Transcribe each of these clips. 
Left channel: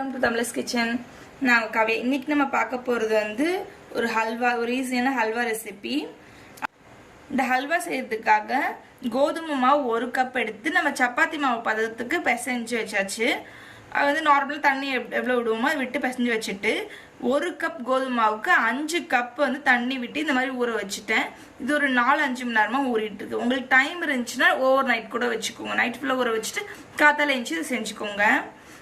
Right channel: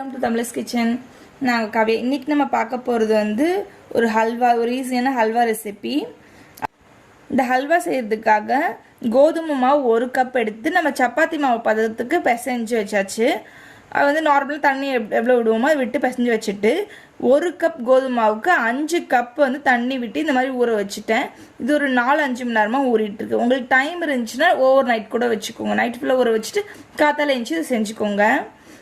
Welcome to தமிழஸ் kitchen. நாங்கள் கவி இன்னைக்கு நம்ம பார்க்க போகிறது வந்து ஒரு ஹல்வா, ஒரு ஈஸியான ஹல்வா ரெசிபி. இந்த ஹல்வா செய்யறதுக்காக கோதுமை மாவு 1 கப் எடுத்து நம்ம சப்பாத்தி மாவு பதத்துக்கு பிசைஞ்சு வச்சாச்சு. அது வந்து நார்மலாக தண்ணி எவ்வளோ விடுவோமோ அதை விட்டு பிசைஞ்சு வச்சுட்டு 1 கப் கோதுமை மாவுக்கு 5 கப் வந்து தண்ணி விட்டு இந்த மாதிரி ஊற வச்சுட்டேன். இது ஒரு 4-5 மணி நேரமாக ஊறிட்டு இருக்கு. உங்களுக்கு டைம் இருந்துச்சுன்னா ஓவர் நைட் கூட வச்சுக்கோங்க. நைட் ஃபுல்லாக ஊற வச்சுட்டு காத்தால எழுந்துச்சு இதை செஞ்சுக்கோங்க.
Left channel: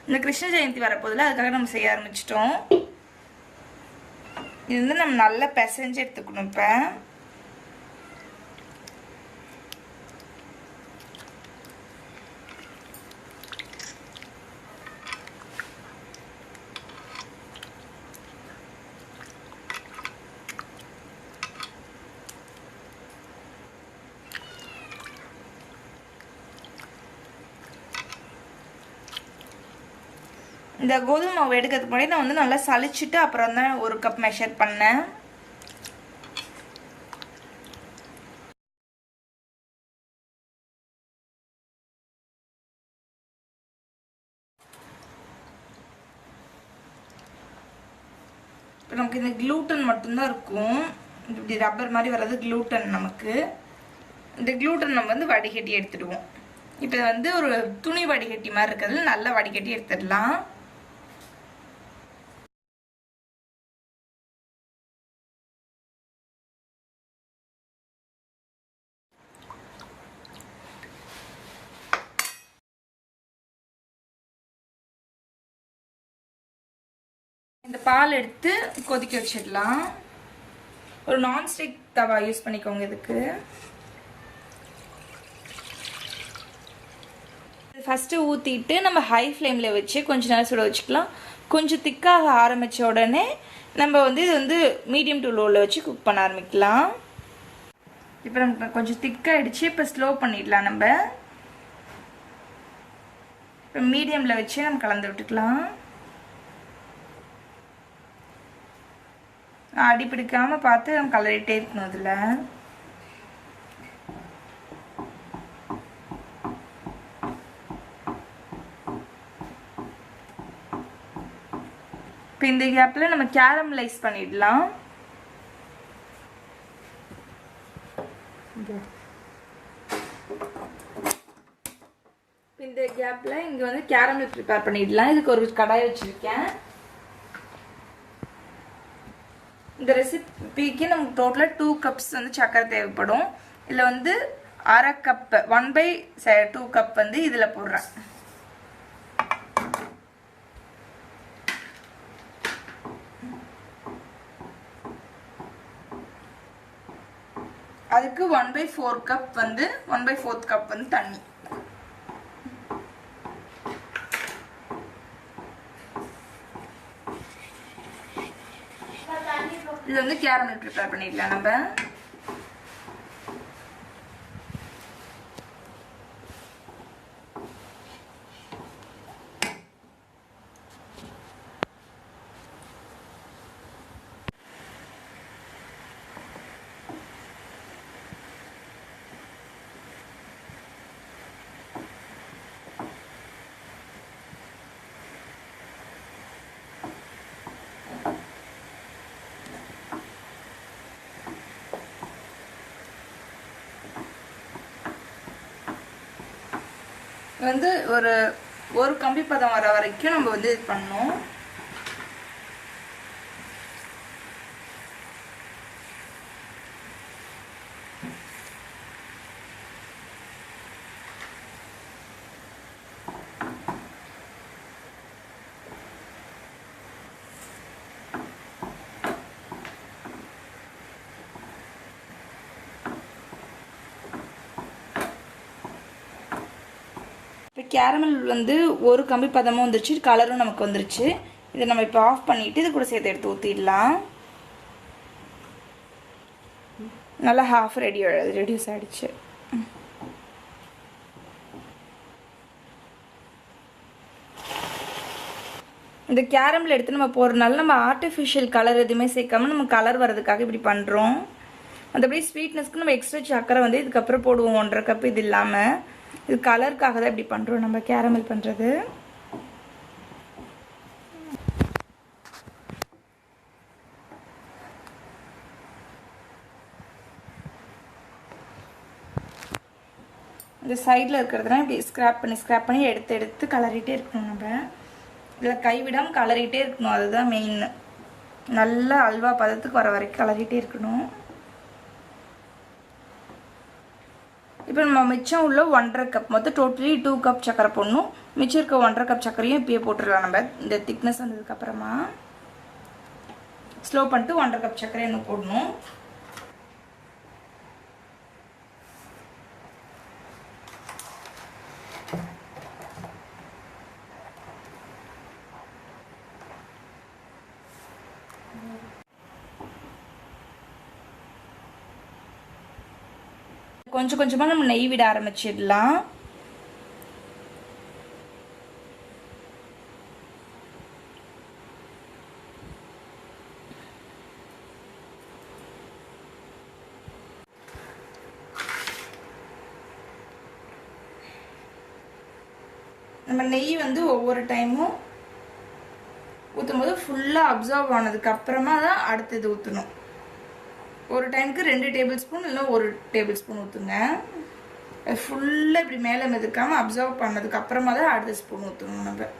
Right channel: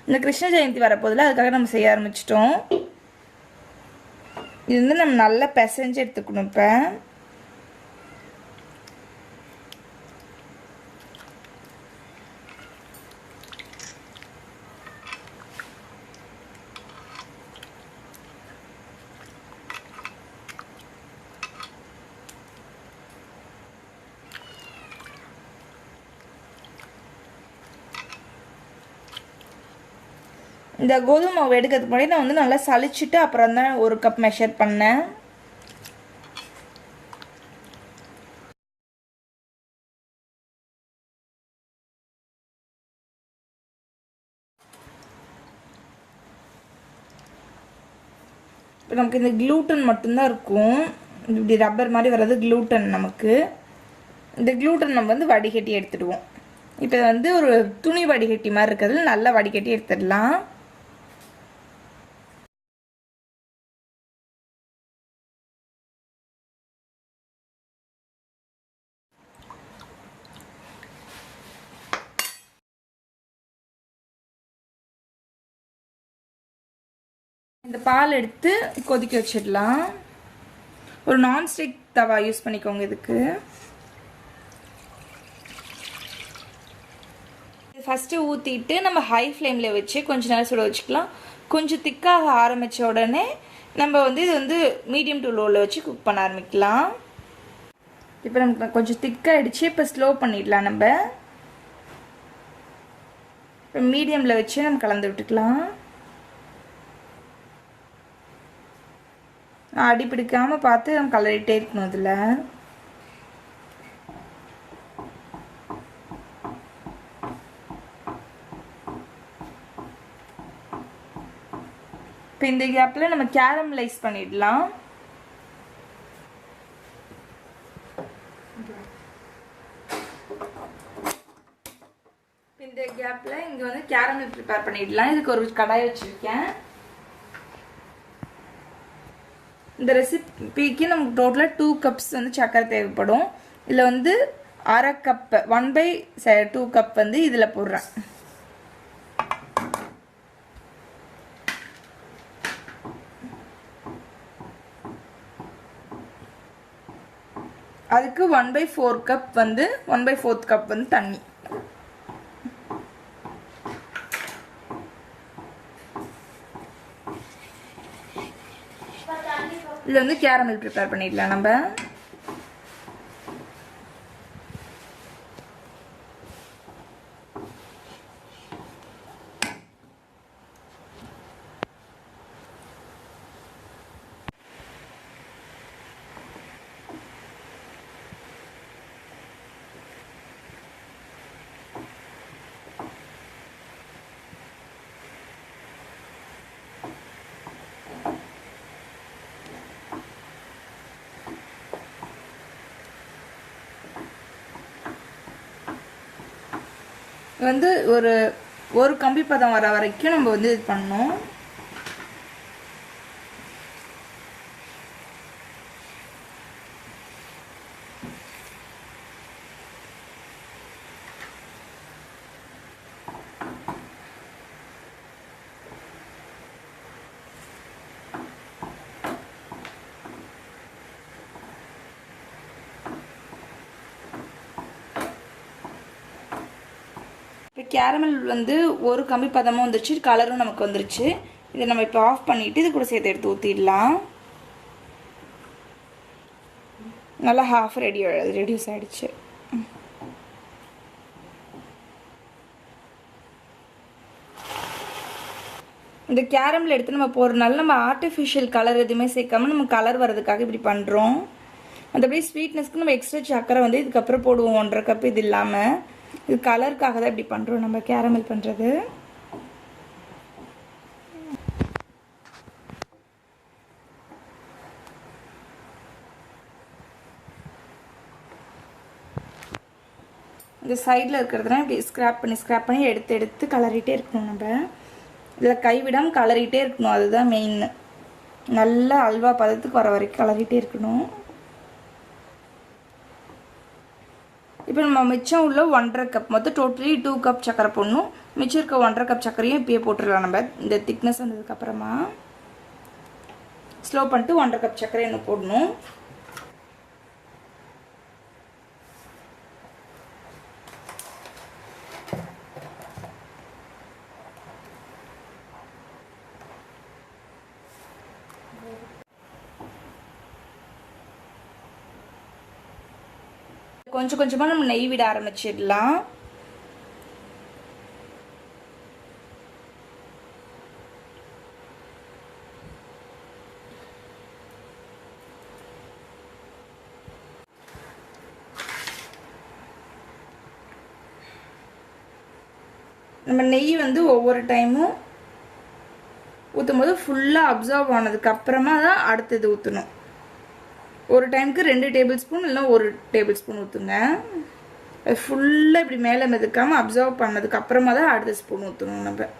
இந்த கிருஷ்ண ஜெயந்தி வரப்போதில் அதுக்காக நம்ம செய்ய ஆரம்பிச்சிட்டோம். இது வந்து நம்ம நல்லா பிசைஞ்சு எடுத்துக்கணும். இப்போ இந்த கோதுமை மாவு எடுக்கிறதுக்கு முன்னாடி நான் வந்து நல்லா சளிச்சுட்டு அப்புறம் தான் 1 கப் மெஷர் பண்ணேன். இப்போ நமக்கு இந்த க்ளூட்டன் மட்டும்தான் இருக்கும். இப்படி ரப்பர் மாதிரி வர்றது க்ளூட்டன். நமக்கு இந்த க்ளூட்டன் நம்ம வந்து வடிகட்டி எடுத்துடுவோம். இப்போ வந்து ஒரு துணி வடிகட்டி மாதிரி இருக்கிறதுல நல்லா வடிகட்டி எடுத்துடலாம். இந்த பால் எடுத்து கொதிக்க வச்சிடலாம். ஒரு நான்ஸ்டிக் தவா யூஸ் பண்ணிக்கோங்க. இதுக்கு ஃபர்ஸ்ட் ஊத்திட்டு நம்ம ஹை ஃப்ளேம்ல வச்சு கொஞ்ச நேரம் சுட வச்சுக்கலாம். கொஞ்சம் திக்காக ஆரம்பிச்ச உடனே நம்ம வந்து இது வந்து மீடியம் டு லோல வச்சு குக் பண்ண ஆரம்பிக்கலாம். இப்போ நமக்கு கொஞ்சம் திக்காயிடுச்சு. இப்போ ஸ்லோ பண்ணிடலாம். நம்ம இப்போ மீடியம்ல வச்சு நம்ம கலந்து விட்டுக்கலாம். அடி பிடிக்காம பார்த்து நம்ம கலரிட்டே இருக்கணும். இதுல இப்போ இந்த கேப்ல நம்ம கேரமலைஸ் பண்ணிடலாம். இந்த கேப்ல இங்க வந்து கேரமல் ப்ரிப்பேர் பண்ணிடலாம். இதுக்கு ஒரு கடாய் வச்சிருக்கேன். இந்த ரெசிபிக்கு நமக்கு டோட்டலா 2 கப்ஸ் வந்து சக்கரை தேவைப்படும். இதுல வந்து 1/2 கப் 1/2 கப் வந்து இதுல போடுறேன். அதுக்கு 1/4 கப் வந்து 1/4 கப் வந்து தண்ணி. இது வந்து கேரமல் ப்ரிப்பேர் பண்ணிடலாம். நம்ம வந்து ஒரு கம்பி பதம் வர வரைக்கும் நம்ம வந்து இது பண்ணணும். இப்போ கேரமல் வந்து ஒரு கம்பி பதமும் வந்துருச்சு, கலரும் நமக்கு வந்துருச்சு. இதை நம்ம இப்போ ஆஃப் பண்ணிட்டு இது கூட சேர்த்து எடுத்து ஊற்றிடலாம். நல்லா ஹாஃப் ரெடியூஸ் ஆயிடுச்சு. இந்த கேரமல் எடுத்து நம்ம போடுறதுனால நம்ம ஆர்டிஃபிஷியல் கலர் எதுவுமே சேர்க்காம நம்ம கலர் வர்றதுக்காக இப்படி பண்ணுறோம். மற்றபடி ஸ்வீட்னஸ்க்கு நம்ம எக்ஸ்ட்ரா சக்கரை வந்து இதுக்கப்புறம் போடுவோம். 1/2 கப். இது இல்லாமல் இது கலருக்காக தான் இப்படி பண்ணுறோம் நம்ம கேரமல் பண்ணுறது. இந்த சைடில் இருக்கிறதுலாம் இப்படி ஸ்க்ராப் பண்ணி எடுத்து கலரிட்டே இருக்கணும். நம்ம இதில் கைவிடாமல் கலரிட்டே இருக்கணும். அதுதான் மெயின். நல்லா அல்வா பதத்துக்கு வர வரைக்கும் கலரிட்டே இருக்கணும். இப்போ நம்ம மிச்சம் உள்ள 1.5 கப் மொத்தம் டோட்டலி 2 கப் சக்கரை போடணும். மிச்சம் இருக்க 1.5 கப் சக்கரையும் இப்பயே போட்டுடலாம். நம்ம இந்த திக்னஸ் வந்ததுக்கப்புறமா ஸ்லோ பண்ணிட்டு 1.5 கப் சக்கரை இன்னும் போடணும். கொஞ்சம் கொஞ்சமாக நம்ம நெய் விட ஆரம்பிச்சிடலாம். நம்ம நெய் வந்து ஒவ்வொரு டைமும் ஊற்றும் போது ஃபுல்லாக அப்சர்வ் ஆனதுக்கு அப்புறமா தான் அடுத்தது ஊற்றணும். ஒரு டைமுக்கு 2 டேபிள் ஸ்பூன் இல்லை 1 டேபிள் ஸ்பூன் ஊற்றுங்க. ஃபுல்லாக இப்படி மேலே மிதக்காமல் அப்சர்வ் பண்ணதுக்கு அப்புறமா தான் அடுத்த ஸ்பூன் ஊற்றணும். நம்ம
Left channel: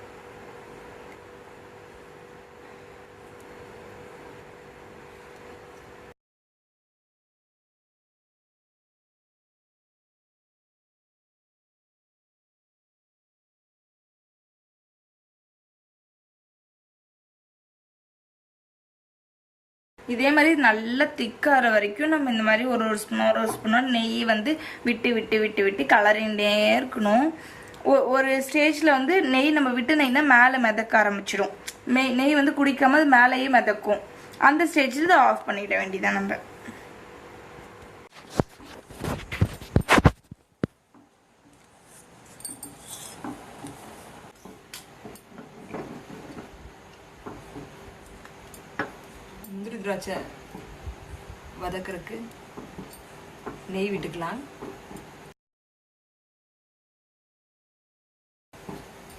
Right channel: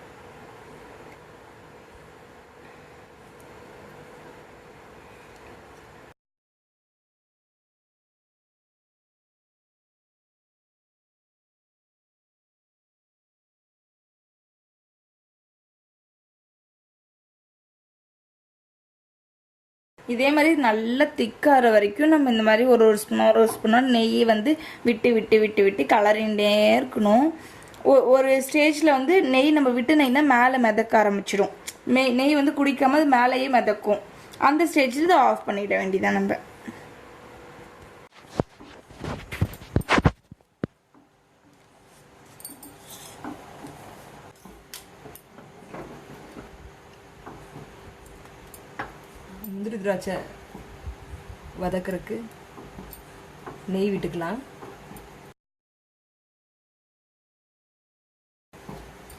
இதே மாதிரி நல்லா திக்காகிற வரைக்கும் நம்ம இந்த மாதிரி ஒரு ஸ்பூனோ நெய் வந்து விட்டு விட்டு விட்டு விட்டு கலரிண்டே இருக்கணும். ஒரு ஸ்டேஜில் வந்து நெய் நம்ம விட்டு நெய்னா மேலே மிதக்க ஆரம்பிச்சிடும். நெய் வந்து குடிக்காம அது மேலேயே மிதக்கும். அந்த ஸ்டேஜில் இதை ஆஃப் பண்ணிட வேண்டியதான். நம்ம முந்திரி திராட்சை வதக்கிறதுக்கு நெய் விட்டுக்கலாம்.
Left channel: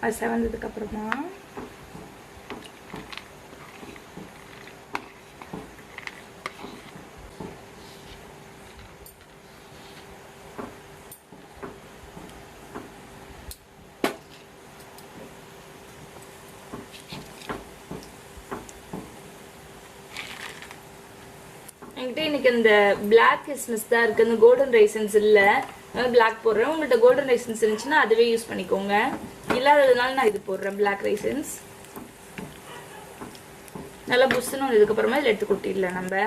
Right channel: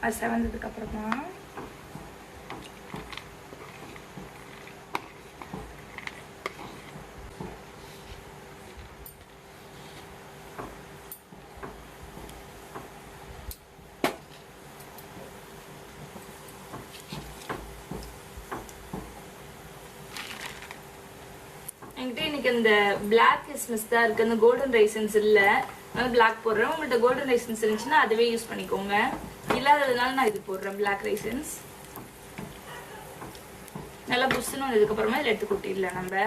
அது செவந்ததுக்கு அப்புறமா என்கிட்ட இன்னைக்கு இந்த பிளாக் கிஸ்மிஸ் தான் இருக்கு. இந்த கோல்டன் ரைசன்ஸ் இல்ல, பிளாக் போடுறேன். உங்கள்கிட்ட கோல்டன் ரைசன்ஸ் இருந்துச்சுன்னா அதுவே யூஸ் பண்ணிக்கோங்க. இல்லாததுனால நான் இது போடுறேன், பிளாக் ரைசன்ஸ். நல்லா புஷ்ஷுன்னு இதுக்கப்புறமா இதில் எடுத்து கொட்டிடலாம். நம்ம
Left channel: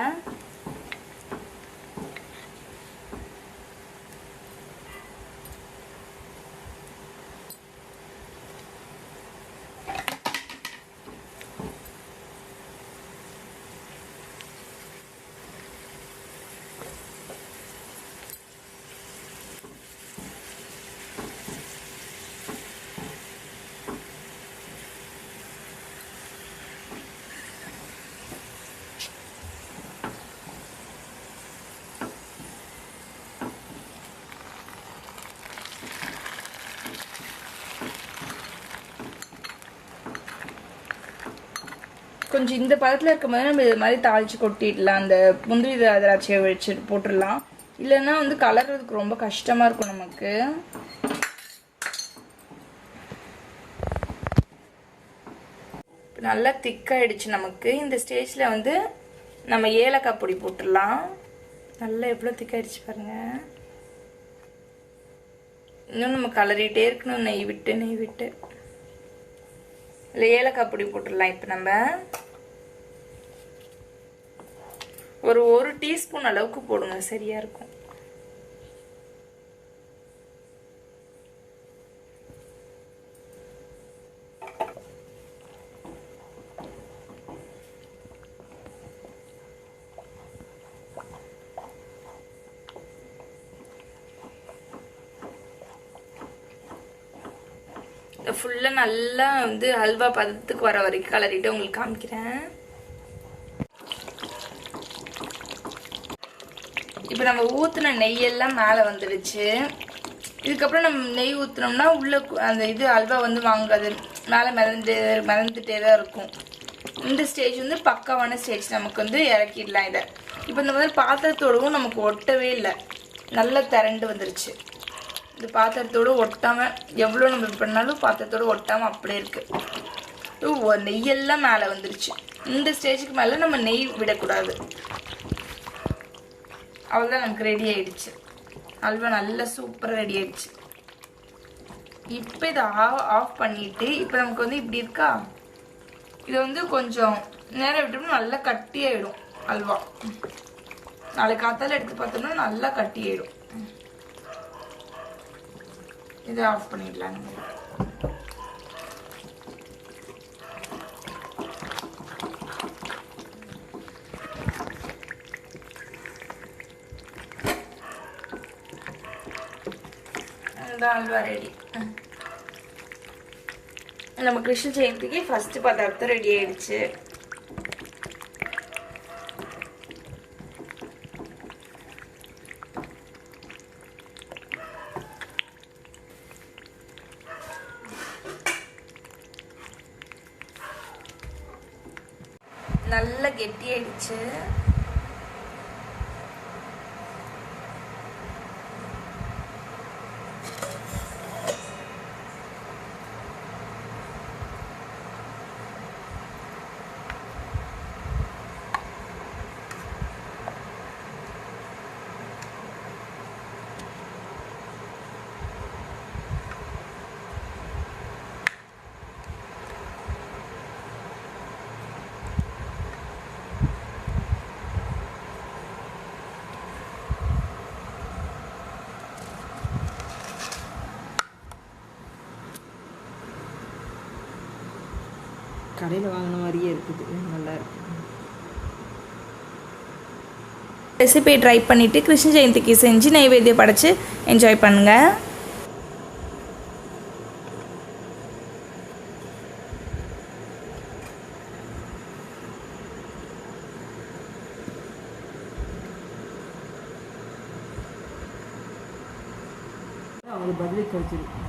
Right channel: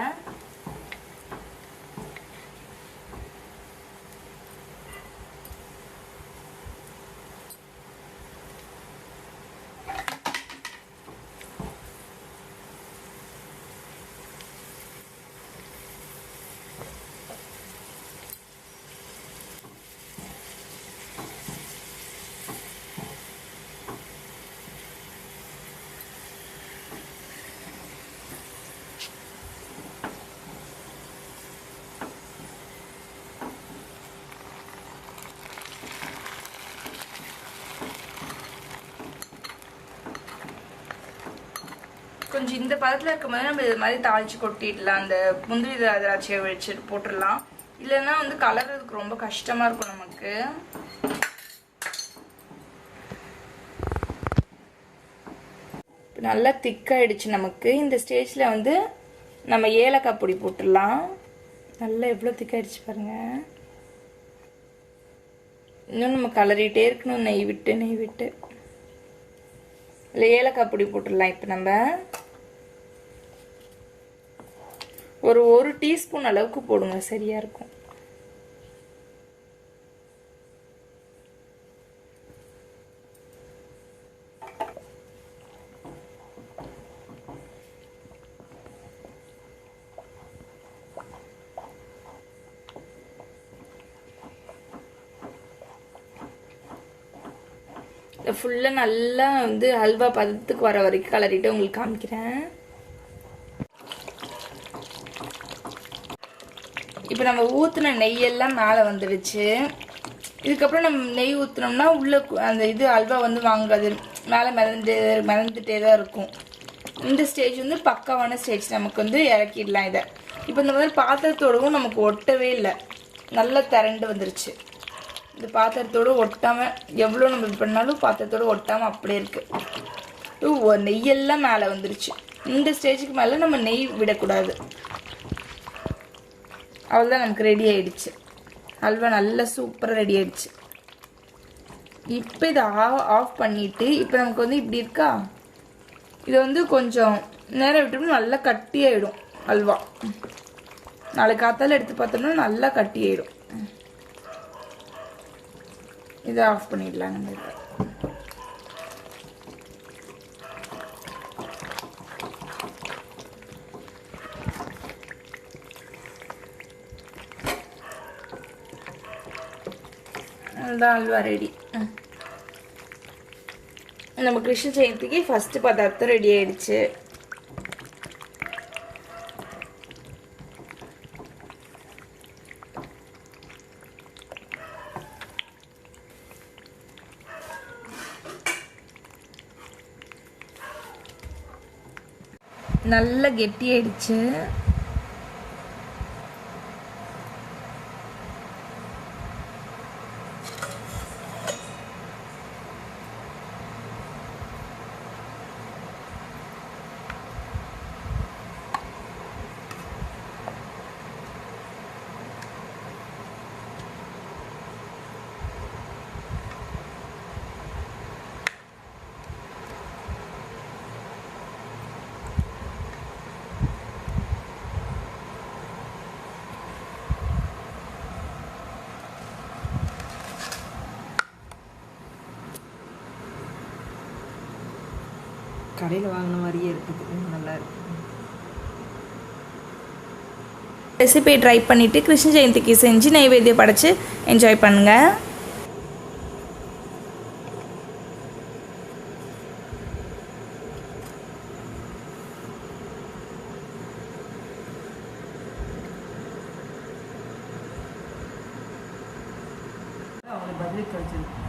கொஞ்சம் இந்த பதத்தில் இருக்கும்போது நம்ம இது மாதிரி தாளிச்சு கொட்டிடலாம். அந்த முந்திரி திராட்சையை வச்சு போட்டுடலாம். இல்லைன்னா வந்து கலர்றதுக்கு ரொம்ப கஷ்டமா இருக்கும் நமக்கு. நல்லா திக்காயிடுச்சு நமக்கு. இந்த ஸ்டேஜில் வந்து நம்ம ஏலக்காய் பொடி போட்டுடலாம். நல்லா எவ்வளோ திக்காயிடுச்சு பாருங்க. இன்னும் நம்ம கலரிட்டே இருக்கணும், நெய் விட்டு நெய் விட்டு. இல்லை ஏலக்காய் பொடி போட்டுடலாம். இப்போ நம்ம ஒரு டீஸ்பூன் அளவுக்கு போடுங்க, சரியா இருக்கும். ஃபுல்லா நல்லா வந்து ஹல்வா பதத்துக்கு வர வரைக்கும் கலரிட்டு உங்களுக்கு காமிக்கிறேன். இப்போ நம்ம ஊத்துன நெய்யெல்லாம் மேலே வந்துடுச்சு. இதுக்கப்புறம் நம்ம நெய் ஊத்துனோம்னா உள்ள அந்த இது அல்வா வந்து வாங்காது, மேலே மிதந்துட்டே தான் இருக்கும். இந்த ஸ்டேஜ் வந்து பக்காவான ஸ்டேஜ். நமக்கு வந்து இறக்கிடலாம் இதை. இப்போ இந்த மாதிரி பாத்திரத்தோடவும் நமக்கு ஒட்டவே இல்லை, நல்லா திரண்டு வந்துருச்சு. இந்த பாத்திரத்தோடு ஒட்டாமல் எவ்வளோ நம்ம இது பண்ணாலும் பாத்திரத்தோடு ஒட்டாமல் அப்படியே இருக்குது. நெய்யெல்லாம் மேலே வந்துருச்சு. இந்த ஸ்டேஜுக்கு மேலே நம்ம நெய் விடக்கூடாது. அவ்வளோதான், நமக்கு ரெடி ஆயிடுச்சு. ஹல்வா நல்லா சூப்பராக ரெடி ஆயிடுச்சு. இப்போ இதை ஆஃப் பண்ணிவிட்டு இப்போ நமக்கு வந்து இப்படி இருக்கா, இது வந்து கொஞ்சம் நேரம் விட்டோம்னா நல்லா கட்டி ஆயிடும் ஹல்வா. நாளைக்கு காத்தால எடுத்து பார்த்தோம்னா நல்லா கட்டி ஆயிடும். இதை ஆஃப் பண்ணிடலாம். அதுதான் ஹல்வா ரெடி. நம்ம கிருஷ்ண ஜெயந்திக்கு ஃபர்ஸ்ட் பதார்த்தம் ரெடி ஆயிடுச்சு. நல்ல கெட்டி ஆயிடுச்சு. கடையில் வாங்கின மாதிரியே இருக்குது, நல்லா இருக்கு. ரெசிபியை ட்ரை பண்ணிவிட்டு கிருஷ்ண ஜெயந்திக்கு செஞ்சு நைவேத்தியம் படைச்சு என்ஜாய் பண்ணுங்கள். அவர் பதிலுக்கு வச்சிருக்கு.